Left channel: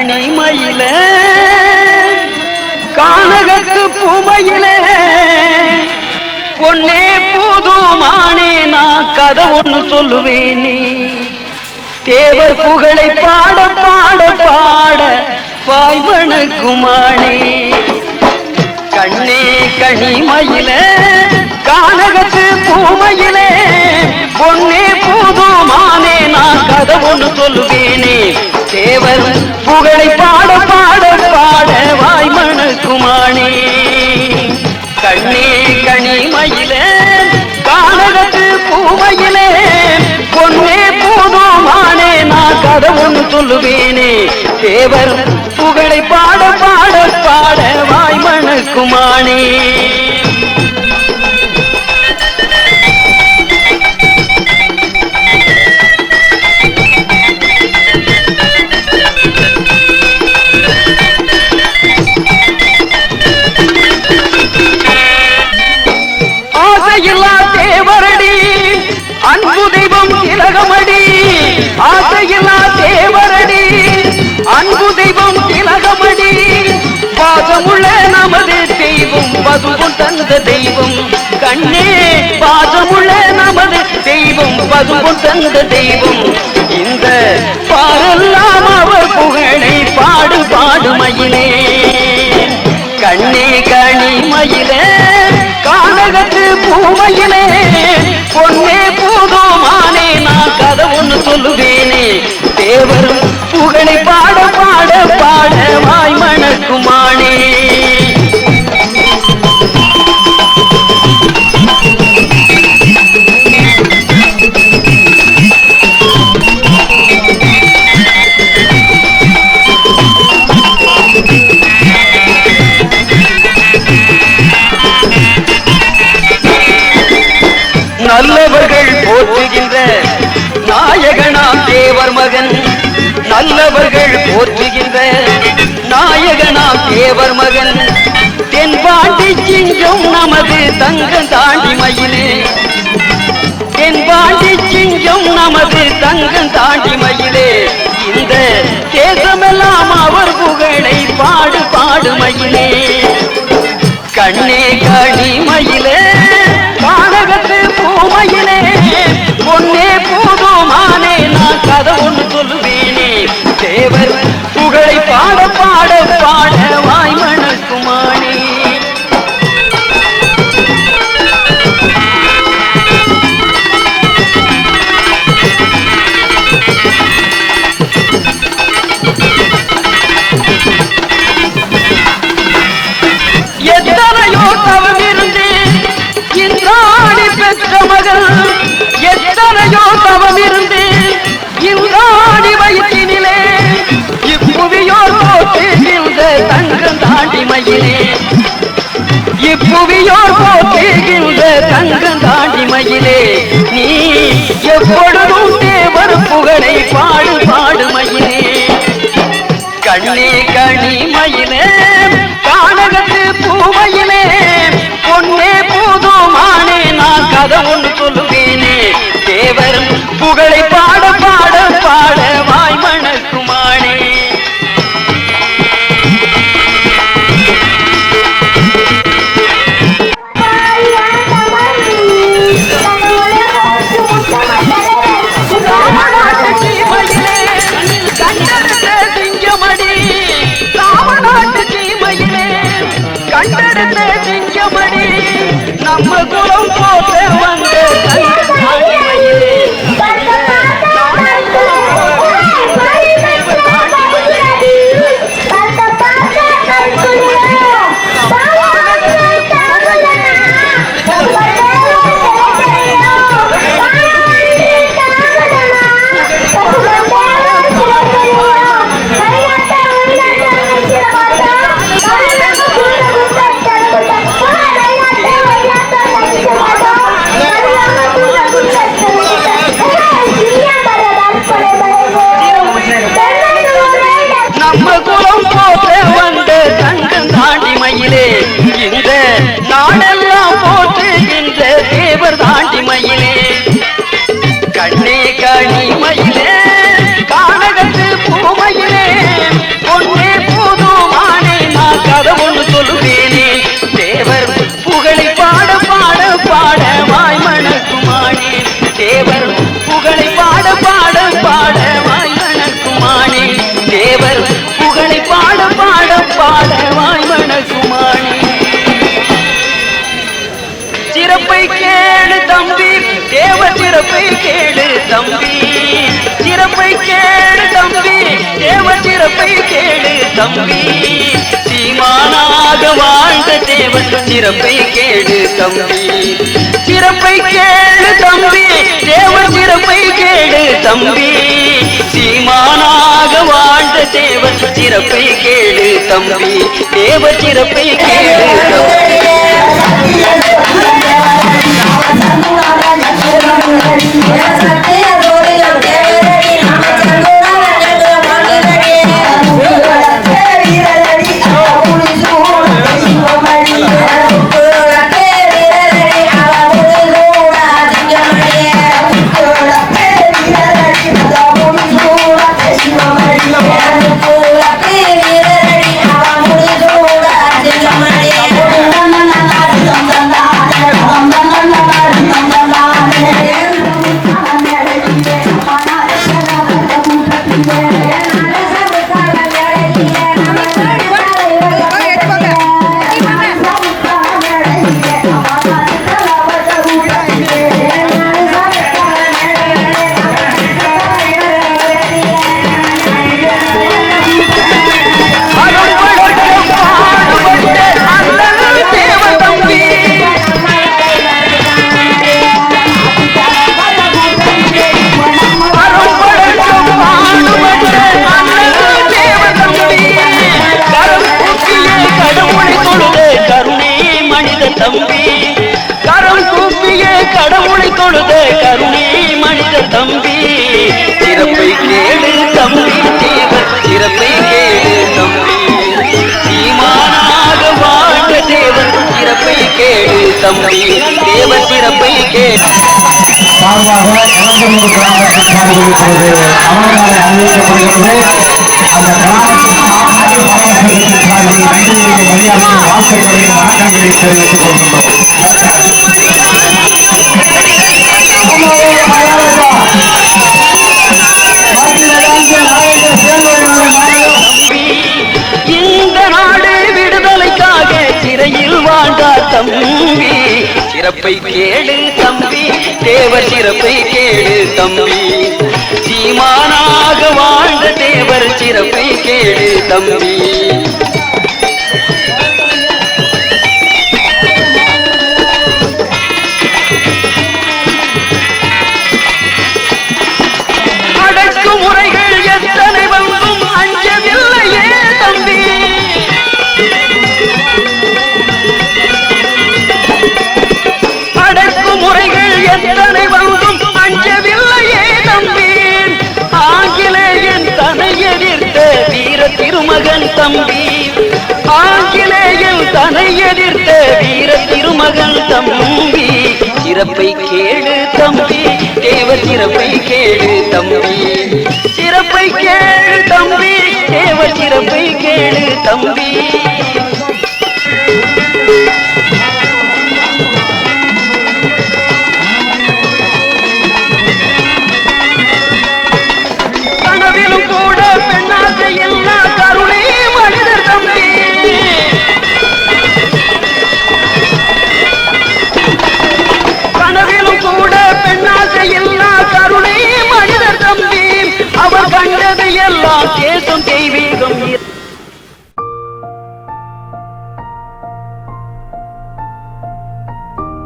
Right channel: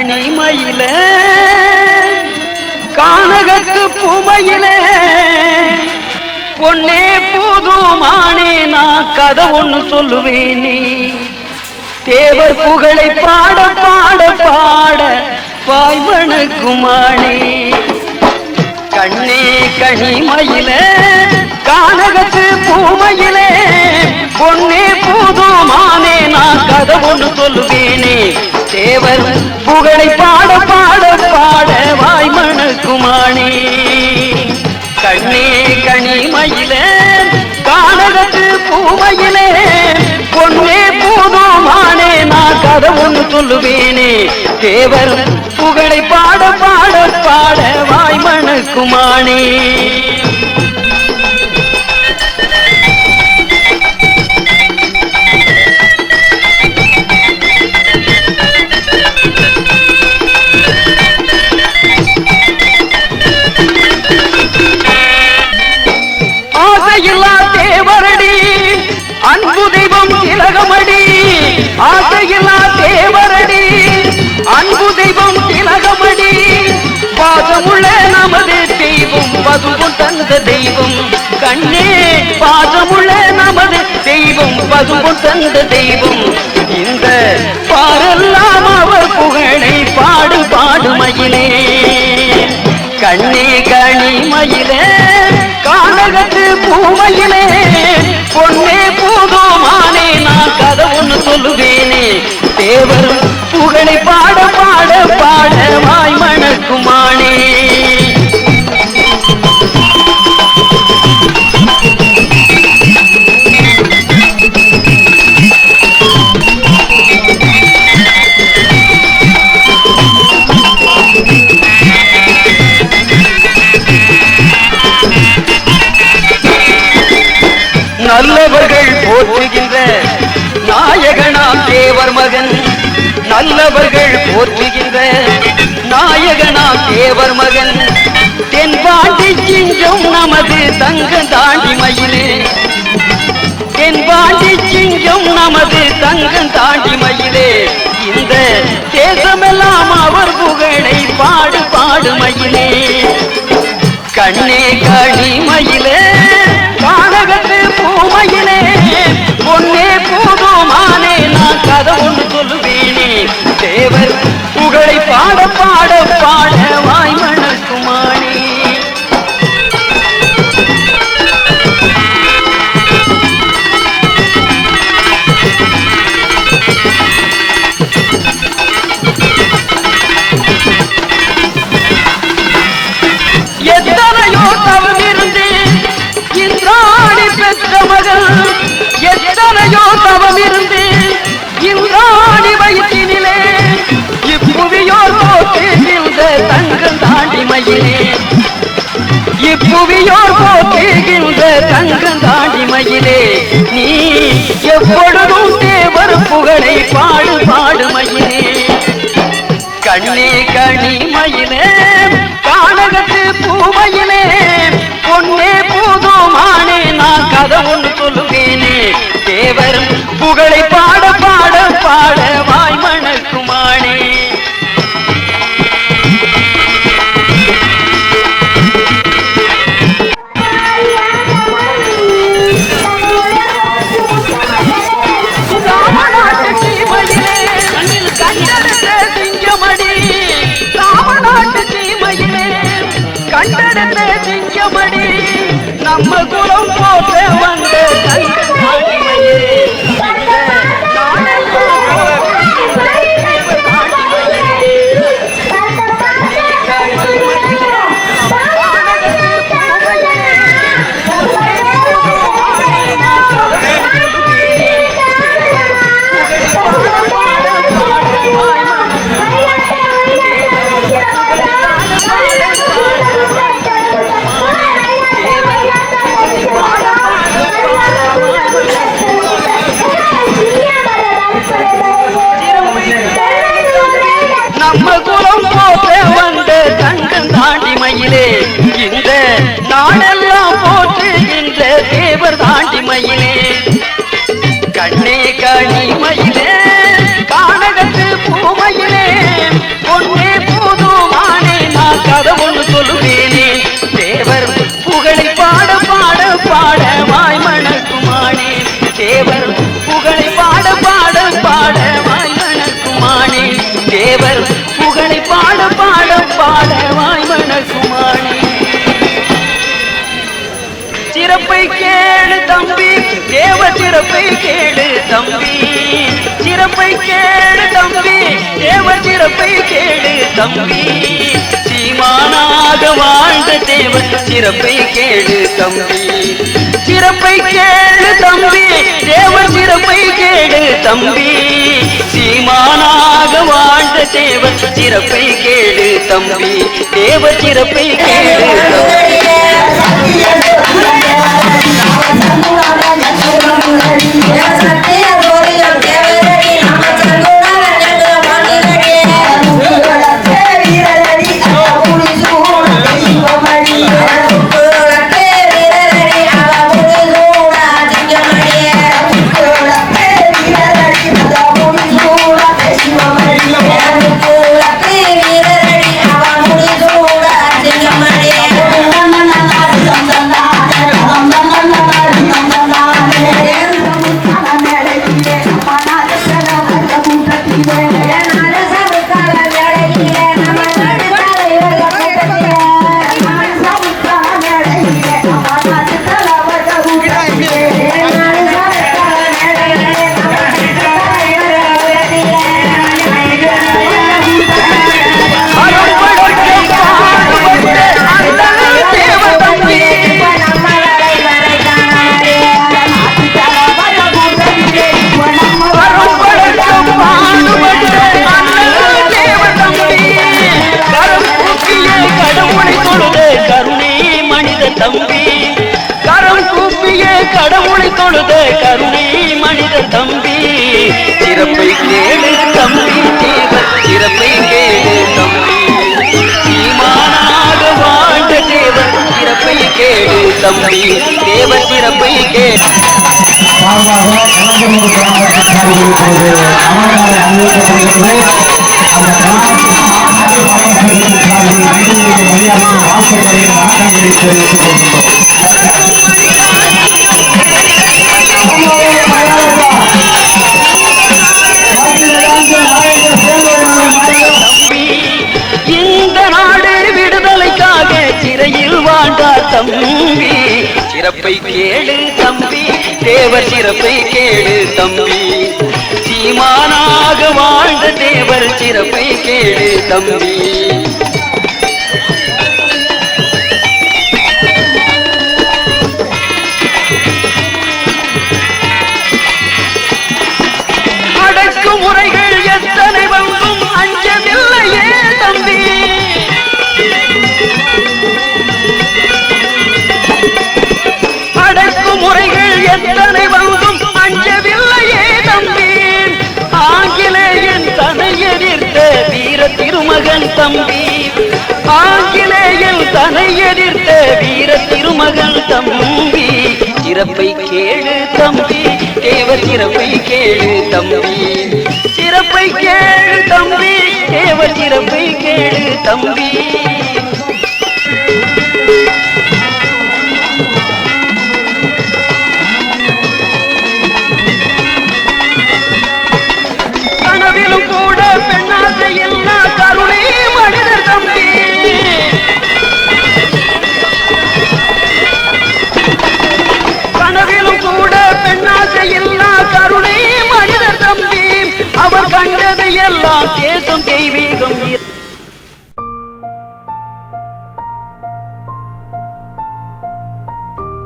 கனிமயில கானகத்து பூமையிலே பொன்னே பூதுமானே நான் கதை ஒண்ணு சொல்லுவேனே தேவர் புகழை பாட பாட பாட வாய்வனுக்குமானே கண்ணே கனிமயில கானகத்து பூமையிலே பொன்னே பூதுமானே நான் கதை ஒண்ணு சொல்லுவேனே தேவர் புகழை பாட பாட பாட வாய்மணக்குமானே கண்ணே கனிமயிலே கானகத்து பூமையிலே பொன்னே பூதுமானே நான் கதை ஒண்ணு சொல்லுவேனே தேவர் புகழை பாட பாட பாட வாய்மணக்குமானே தேவரடி அன்பு தெய்வம் திலகமடி ஆசையில்லா தேவரடி அன்பு தெய்வம் திலகமடி பாசமுள்ள நமது தெய்வம் பதுவும் தந்த தெய்வம் கண்ணே பாசமுள்ள நமது தெய்வம் பதுவும் தந்த தெய்வம் இந்த பாரெல்லாம் அவர் புகழை பாடு பாடு மயிலே கண்ணே கனிமயிலே கானகத்து பூமையிலே பொன்னே பூதுமானே நான் கதை ஒண்ணு சொல்லுவேனே தேவர் புகழை பாட பாட பாட வாய்மணக்குமானே நல்லவர்கள் போற்றுகின்ற நாயகனாம் தேவர் மகன் நல்லவர்கள் போற்றுகின்ற நாயகனாம் தேவர் மகன் தென்பாண்டி சிங்கம் நமது தங்க தாண்டி மயிலே தென்பாண்டி சிங்கம் நமது தங்க தாண்டி மயிலே இந்த தேசமெல்லாம் அவர் புகழை பாடு பாடு மயிலே கண்ணே கனிமயிலே கானகத்து பூமையிலே பொன்னே பூதுமானே நான் கதை ஒன்று சொல்லுவேனே தேவர் புகழை பாட பாட பாட வாய்மணக்குமானே எத்தனையோ தவறிருந்தே இன்றாடி பெற்ற மகள் எத்தனையோ தவமிருந்து இவ்வாடி வயிற்றினிலே இப்புவியோர் போட்டு இந்த தங்கம் தாண்டி மயிலே இப்புவியோர் போட்டு இந்த தங்கம் தாண்டி மயிலே நீ எப்பொழுதும் தேவர் புகழை பாடு பாடு மயிலே கண்ணே கனிமயிலே கானகத்து பூமையிலே பொன்னே பூதுமானே நான் கதை ஒன்று சொல்லுவேனே தேவர் புகழை பாட பாட பாட வாய்மணக்குமானே கண்டெடுத்த சிங்கமணி நம்ம குலம் போல வந்த Thank you. கலந்தமூர் கிராமத்தின் சார்பில் இப்பொழுது அவர்களை அறிவிக்கப்படுகிறது. அந்த கிராமத்தின் சார்பில் நன்றியை மரியாதையை வாழ்த்துக்களை வணக்கங்களை தெரிவித்துக் கொள்கிறோம்.